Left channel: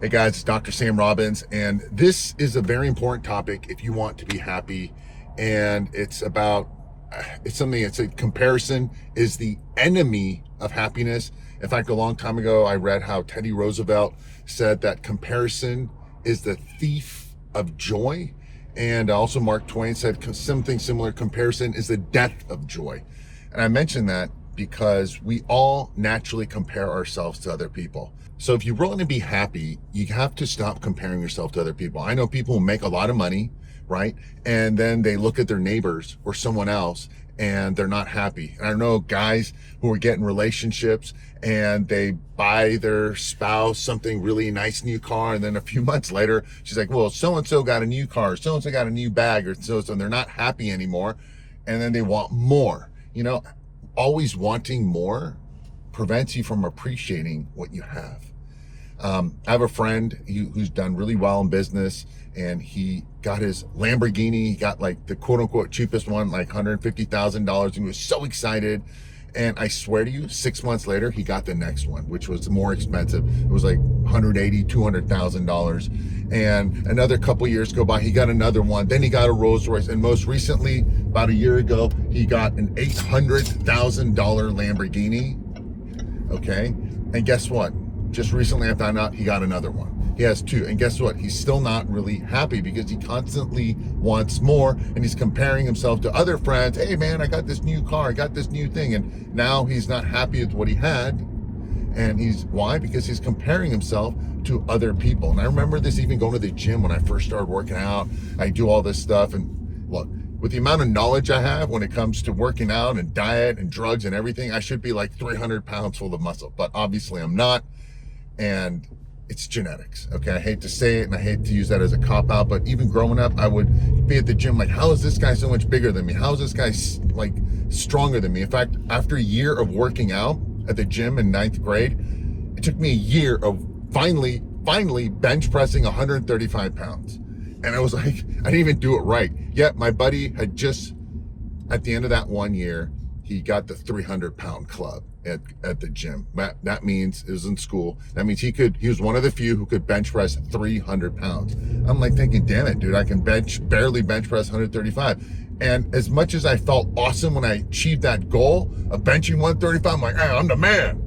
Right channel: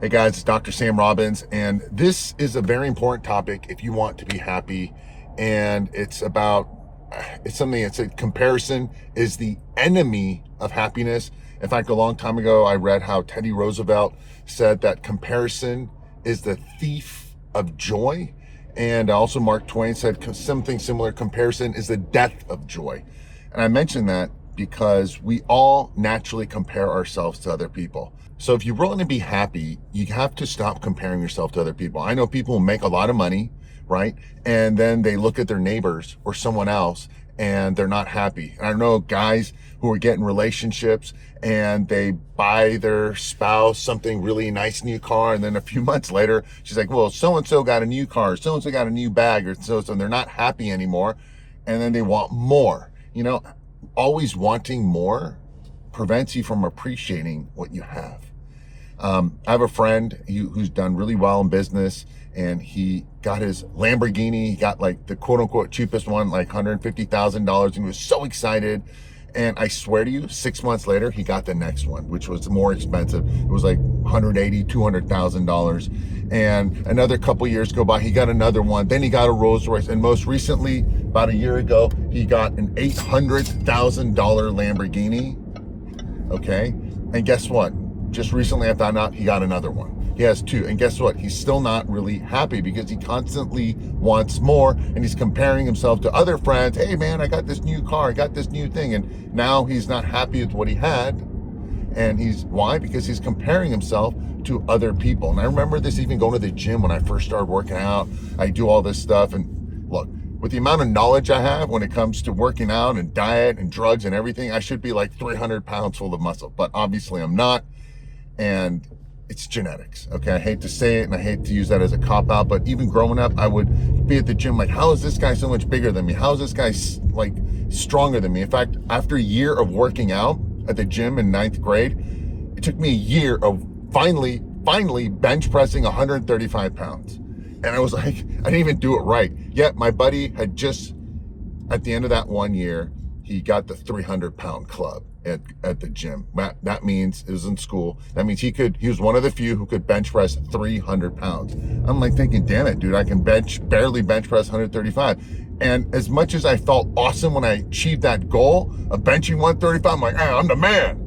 Hey guys, it's Dr. Sam Robbins, and this is a very important topic if you want to be happy. And it's a comparison is the enemy of happiness. In fact, a long time ago, I read how Teddy Roosevelt said that comparison is the thief of joy. And also Mark Twain said something similar, comparison is the death of joy. And I mention that because we all naturally compare ourselves to other people. So if you want to be happy, you have to stop comparing yourself to other people. I know people who make a lot of money, right? And then they look at their neighbors or someone else and they're not happy. And I know guys who are getting relationships and they buy their spouse something really nice new car, and then a few months later she's like, well, so-and-so got a new car, so-and-so got a new bag, or so-and-so, and they're not happy anymore, and then they want more. Always wanting more prevents you from appreciating what you have. I have a friend who's done really well in business, and he got his Lamborghini. He got like the quote unquote cheapest one, like $150,000, and he was so excited. And I swear to you, 6 months later, he got the next one, which was more expensive. It was like $180,000, $200,000. And another couple years go by, he got another one. Then he got a Rolls Royce. And most recently, about a year ago, he got an $800,000 Lamborghini. Okay. And guess what? Just recently I found out he got another one. He has two. And guess what? He's still not really happy because he constantly wants more, and he's comparing himself to other friends. Hey man, I got this new car, I got this new thing. And now he's not happy with what he had. And why? Because he's comparing himself to other people. And I remember this even going to the gym when I first started working out. I do all this stuff, and look, with the amount of knowledge I have when it comes to working out and diet and drugs and everything, I should be like 300 pounds full of muscle, but obviously I'm not. And it's genetics. Okay. I hate to say it and I hate to use that as a cop out, but even growing up, I would be at the gym like, how is this guy so much bigger than me? How is this guy like stronger than me? In fact, after a year of working out at the gym in 9th grade, it took me a year of finally bench pressing 135 pounds. And I was like, I didn't even do it right. Yet my buddy had just, at the end of that 1 year, he got the 300-pound club at the gym. That means, it was in school, that means he was one of the few who could bench press 300 pounds. I'm like thinking, damn it, dude, I can barely bench press 135. And as much as I felt awesome when I achieved that goal of benching 135, I'm like, hey, I'm the man.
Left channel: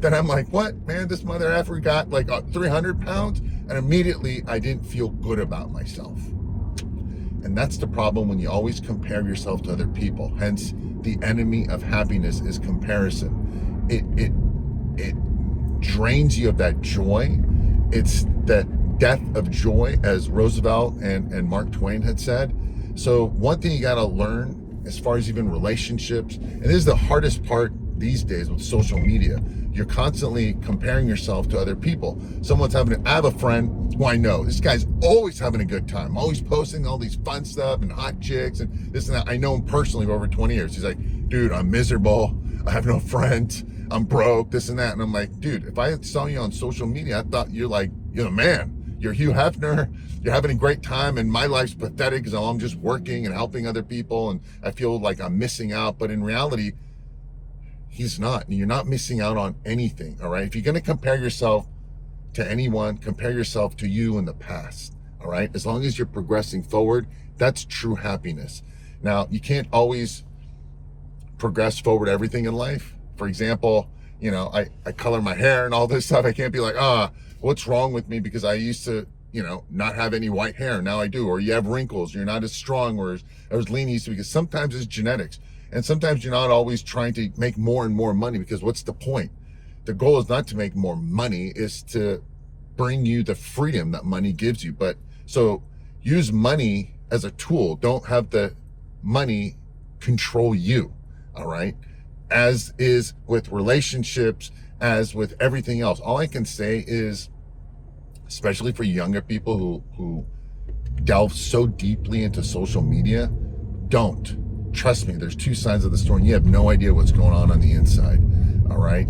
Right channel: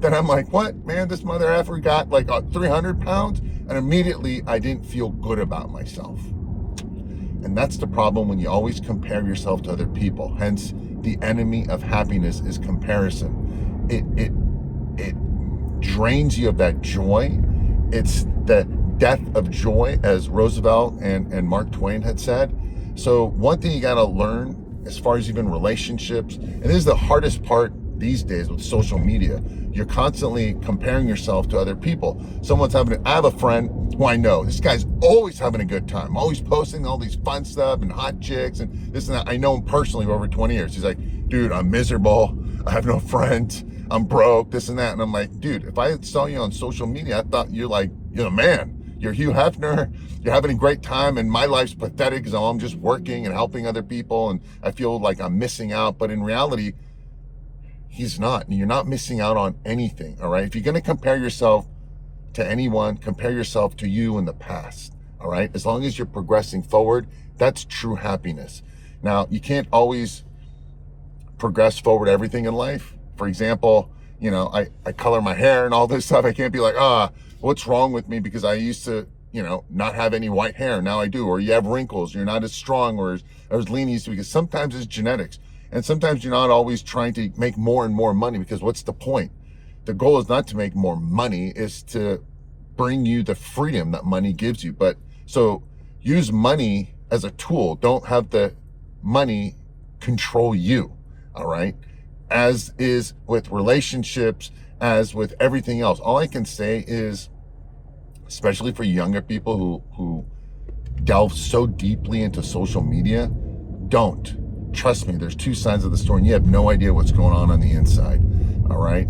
Then I'm like, what, man, this mother effer got like 300 pounds? And immediately I didn't feel good about myself. And that's the problem when you always compare yourself to other people. Hence, the enemy of happiness is comparison. It drains you of that joy. It's the death of joy, as Roosevelt and Mark Twain had said. So one thing you got to learn as far as even relationships, and this is the hardest part these days with social media, you're constantly comparing yourself to other people. I have a friend who I know, this guy's always having a good time, always posting all these fun stuff and hot chicks and this and that. I know him personally for over 20 years. He's like, dude, I'm miserable. I have no friends. I'm broke, this and that. And I'm like, dude, if I saw you on social media, I thought you're the man. You're Hugh Hefner. You're having a great time. And my life's pathetic because I'm just working and helping other people. And I feel like I'm missing out. But in reality, he's not. And you're not missing out on anything. All right. If you're going to compare yourself to anyone, compare yourself to you in the past. All right. As long as you're progressing forward, that's true happiness. Now, you can't always progress forward everything in life. For example, I color my hair and all this stuff. I can't be like, what's wrong with me because I used to, not have any white hair. Now I do. Or you have wrinkles. You're not as strong or as lean as, because sometimes it's genetics. And sometimes you're not always trying to make more and more money, because what's the point? The goal is not to make more money, is to bring you the freedom that money gives you. But so use money as a tool. Don't have the money control you. All right. As is with relationships, as with everything else. All I can say is, especially for younger people who delve so deeply into social media, don't. Trust me, there's two sides of the story, and you have no idea what's going on the inside. All right.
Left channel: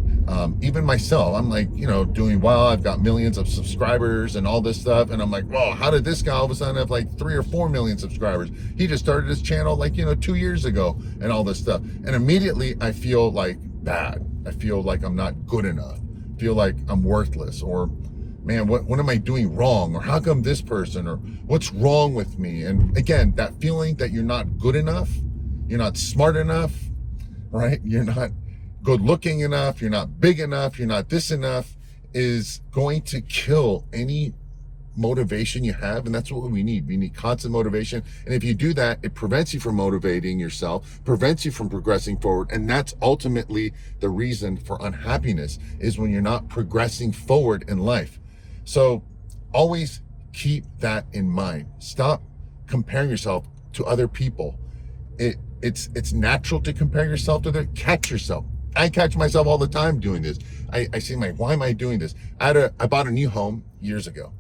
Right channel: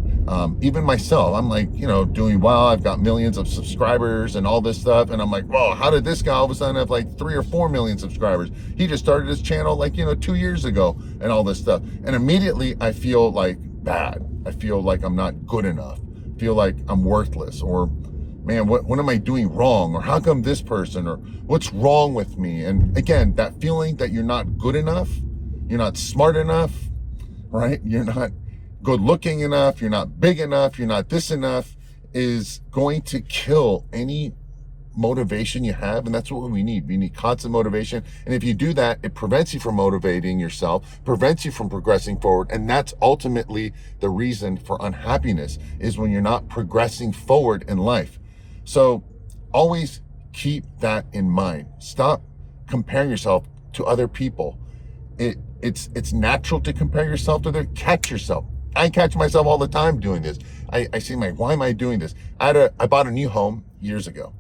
Even myself, I'm like, doing well. I've got millions of subscribers and all this stuff. And I'm like, whoa, how did this guy all of a sudden have like 3 or 4 million subscribers? He just started his channel like, 2 years ago and all this stuff. And immediately I feel like bad. I feel like I'm not good enough. I feel like I'm worthless, or man, what am I doing wrong? Or how come this person? Or what's wrong with me? And again, that feeling that you're not good enough, you're not smart enough, right? You're not good looking enough, you're not big enough, you're not this enough, is going to kill any motivation you have. And that's what we need. We need constant motivation. And if you do that, it prevents you from motivating yourself, prevents you from progressing forward. And that's ultimately the reason for unhappiness, is when you're not progressing forward in life. So always keep that in mind. Stop comparing yourself to other people. It's natural to compare yourself to catch yourself. I catch myself all the time doing this. I see why am I doing this? I bought a new home years ago,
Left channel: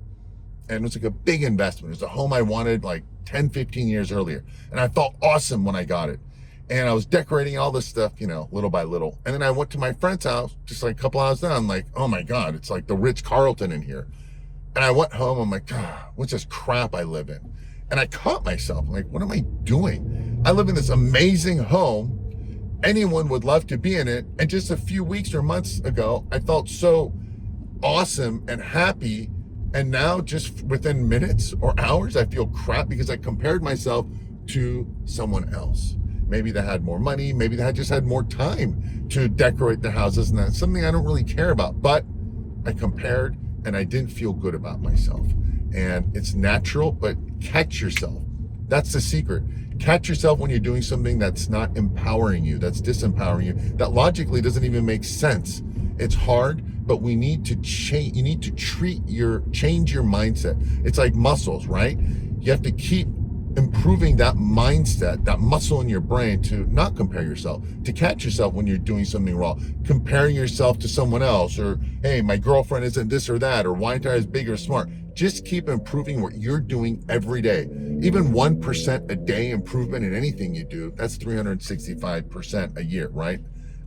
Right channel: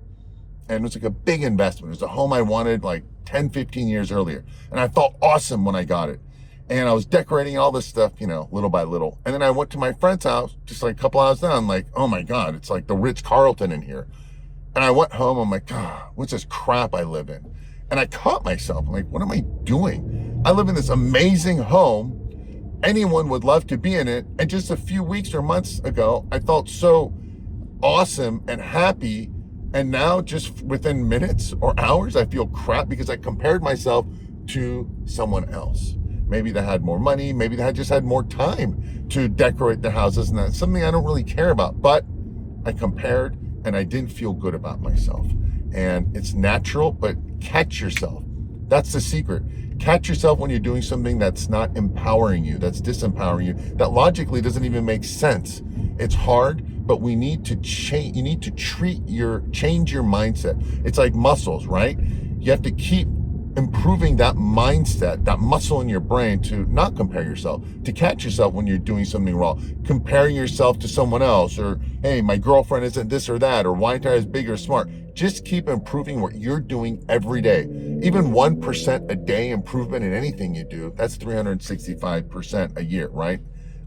and it was like a big investment. It was a home I wanted like 10, 15 years earlier. And I felt awesome when I got it. And I was decorating all this stuff, little by little. And then I went to my friend's house, just like a couple hours down, like, oh my God, it's like the Ritz-Carlton in here. And I went home, I'm like, what's this crap I live in? And I caught myself, I'm like, what am I doing? I live in this amazing home. Anyone would love to be in it. And just a few weeks or months ago, I felt so awesome and happy. And now just within minutes or hours, I feel crap because I compared myself to someone else. Maybe they had more money. Maybe they just had more time to decorate their houses. And that's something I don't really care about. But I compared and I didn't feel good about myself. And it's natural, but catch yourself. That's the secret. Catch yourself when you're doing something that's not empowering you, that's disempowering you, that logically doesn't even make sense. It's hard, but we need to change. You need to change your mindset. It's like muscles, right? You have to keep improving that mindset, that muscle in your brain, to not compare yourself, to catch yourself when you're doing something wrong, comparing yourself to someone else, or, hey, my girlfriend isn't this or that, or why aren't I as big or smart? Just keep improving what you're doing every day. Even 1% a day improvement in anything you do, that's 365% a year, right?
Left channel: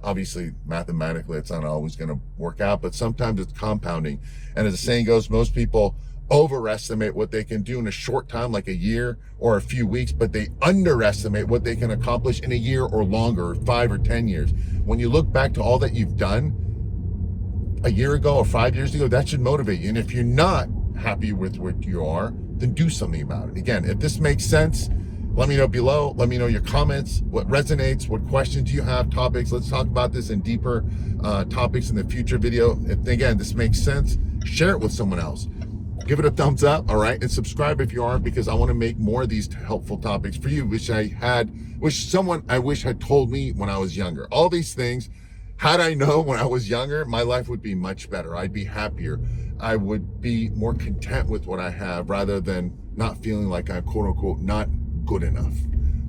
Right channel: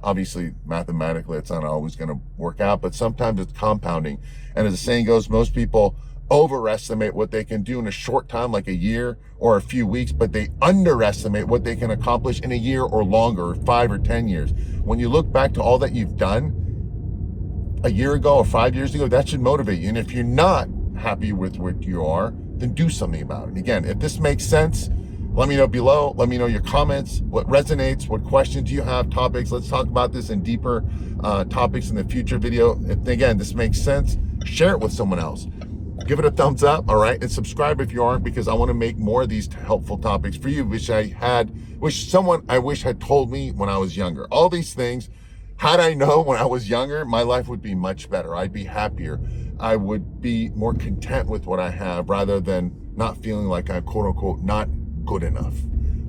Obviously, mathematically, it's not always going to work out, but sometimes it's compounding. And as the saying goes, most people overestimate what they can do in a short time, like a year or a few weeks, but they underestimate what they can accomplish in a year or longer, or 5 or 10 years. When you look back to all that you've done a year ago or 5 years ago, that should motivate you. And if you're not happy with what you are, then do something about it. Again, if this makes sense, let me know below. Let me know your comments, what resonates, what questions you have, topics. Let's talk about this in deeper topics in the future video. If, again, this makes sense, share it with someone else. Give it a thumbs up, all right? And subscribe if you aren't, because I want to make more of these helpful topics for you, which someone I wish had told me when I was younger. All these things, had I known when I was younger, my life would be much better. I'd be happier. I would be more content with what I have, rather than not feeling like I'm, quote unquote, not good enough.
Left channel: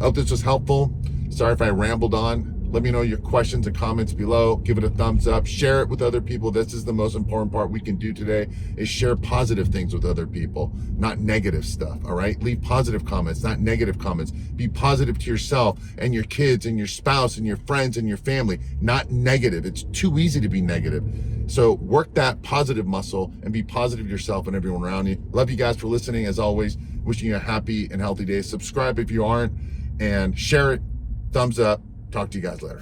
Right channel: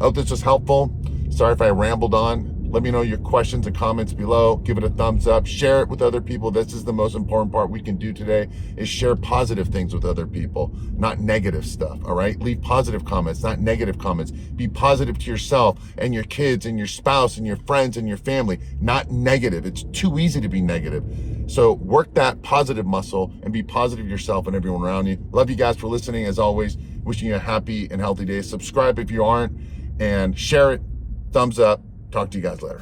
I hope this was helpful. Sorry if I rambled on. Let me know your questions and comments below. Give it a thumbs up. Share it with other people. This is the most important part we can do today, is share positive things with other people, not negative stuff, all right? Leave positive comments, not negative comments. Be positive to yourself and your kids and your spouse and your friends and your family, not negative. It's too easy to be negative. So work that positive muscle and be positive to yourself and everyone around you. Love you guys for listening. As always, wishing you a happy and healthy day. Subscribe if you aren't, and share it. Thumbs up. Talk to you guys later.